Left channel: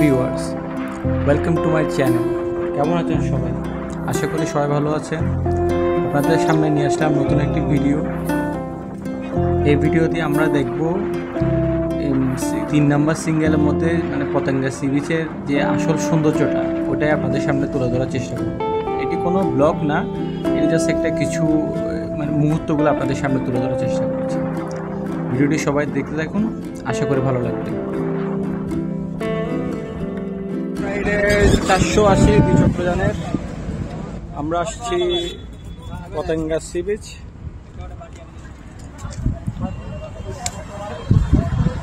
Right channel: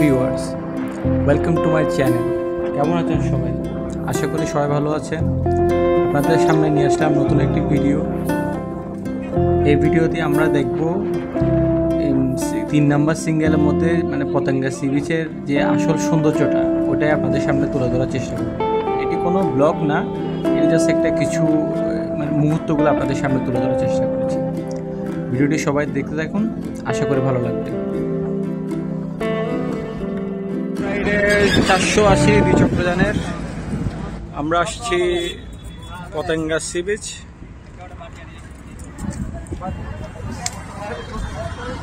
Viewers, welcome to my channel. কেমন আছেন সবাই? আশা করি সবাই ভালো আছেন। আপনাদের সামনে নিয়ে আসলাম নতুন একটি ভিডিও। এই ভিডিওতে আমরা দেখব 3 নম্বর সিঙ্গেলের মধ্যে মানে পতেঙ্গা সি বিচের যে আসল সৌন্দর্যটা ওটাই আপনাদের সামনে তুলে ধরার চেষ্টা করব। এটি কোনো ব্লগ না, এটি জাস্ট একটা কিছু মানে মুহূর্তগুলো আপনাদের সামনে তুলে ধরার চেষ্টা করেছি। ভিডিওটি সবাই দেখতে থাকুন, আশা করি ভালো লাগবে। 480 দ্বিচক্রযানের আমরা আসছি পতেঙ্গা সি বিচ।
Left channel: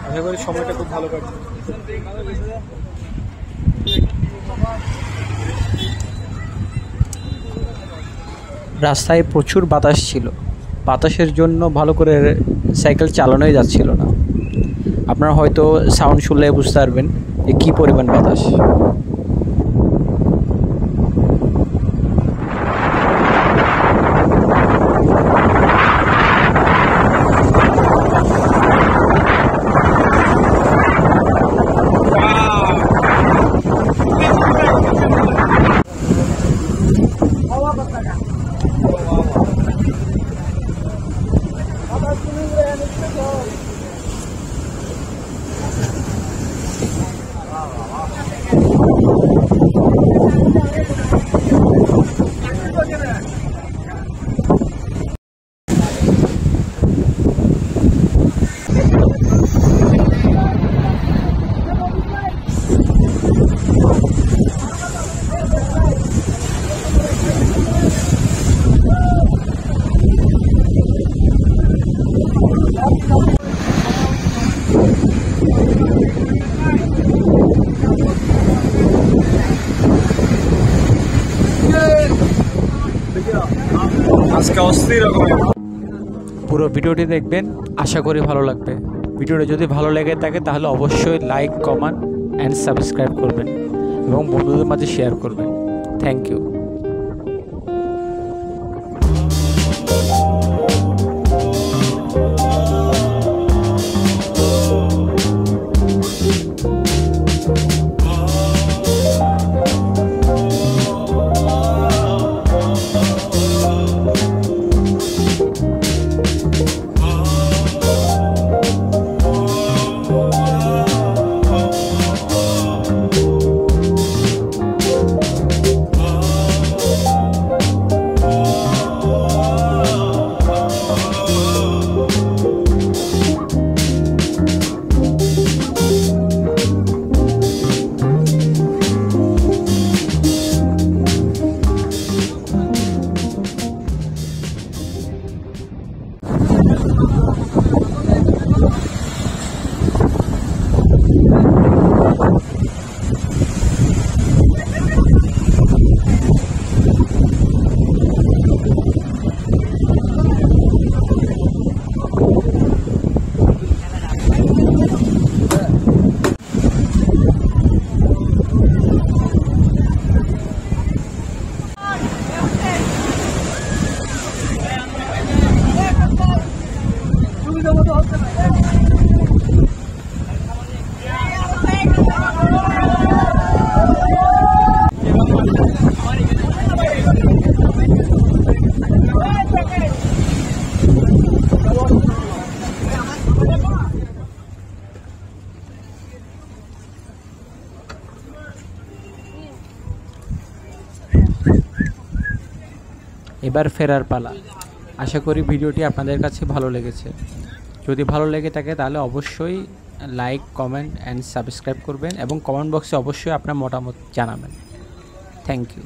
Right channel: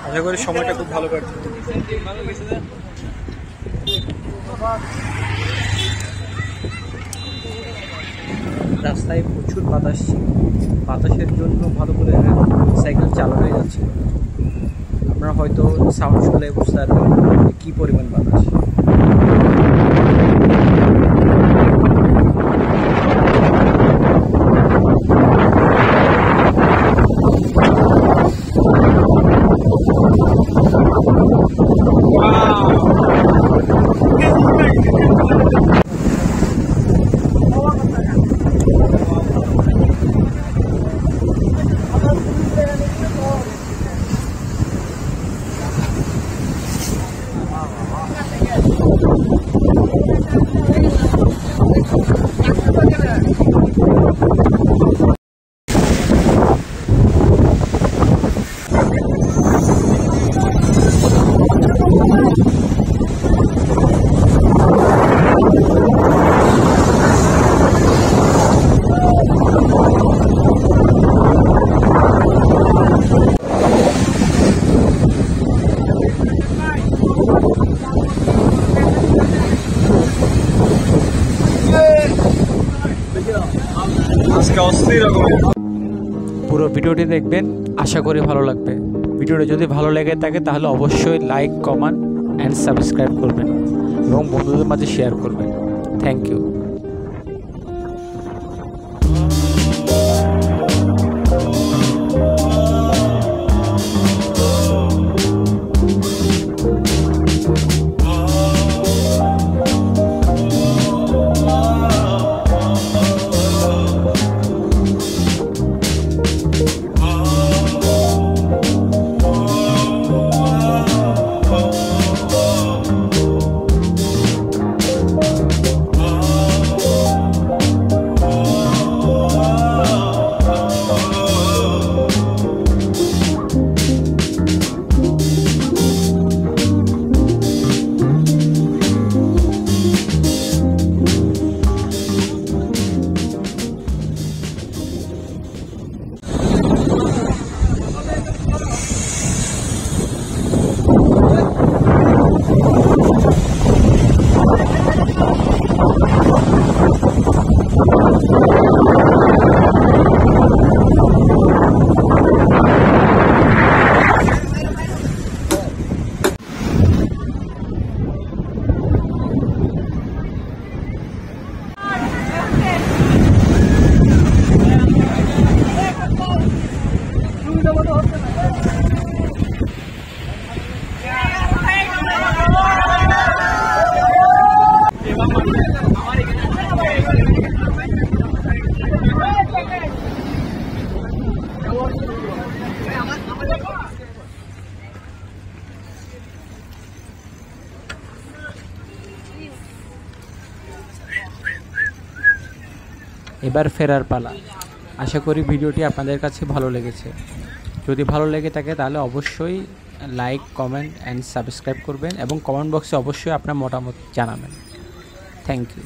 আশা করি সময়টা খুব ভালো কাটছে। রাস্তায় প্রচুর বাতাস ছিল, বাতাসের জন্য ভালো করে সাইকেল চালানোই যাচ্ছিল না। আপনারা হয়তো সাউন্ড শুনলে বুঝতে পারবেন যে কী পরিমাণ বাতাস। পুরো ভিডিওটি দেখবেন, আশা করি ভালো লাগবে। ভিডিওটি যদি ভালো লেগে থাকে তাহলে অবশ্যই লাইক, কমেন্ট অ্যান্ড সাবস্ক্রাইব করবেন এবং বন্ধুদের মাঝে শেয়ার করবেন। Thank you. এবার ফেরার পালা। আশা করি ভিডিওটি আপনাদের কাছে ভালো লেগেছে। যদি ভালো লেগে থাকে তাহলে অবশ্যই লাইক, কমেন্ট অ্যান্ড সাবস্ক্রাইব করবেন এবং কমেন্ট বক্সে অবশ্যই আপনার মতামত জানাবেন। Thank you.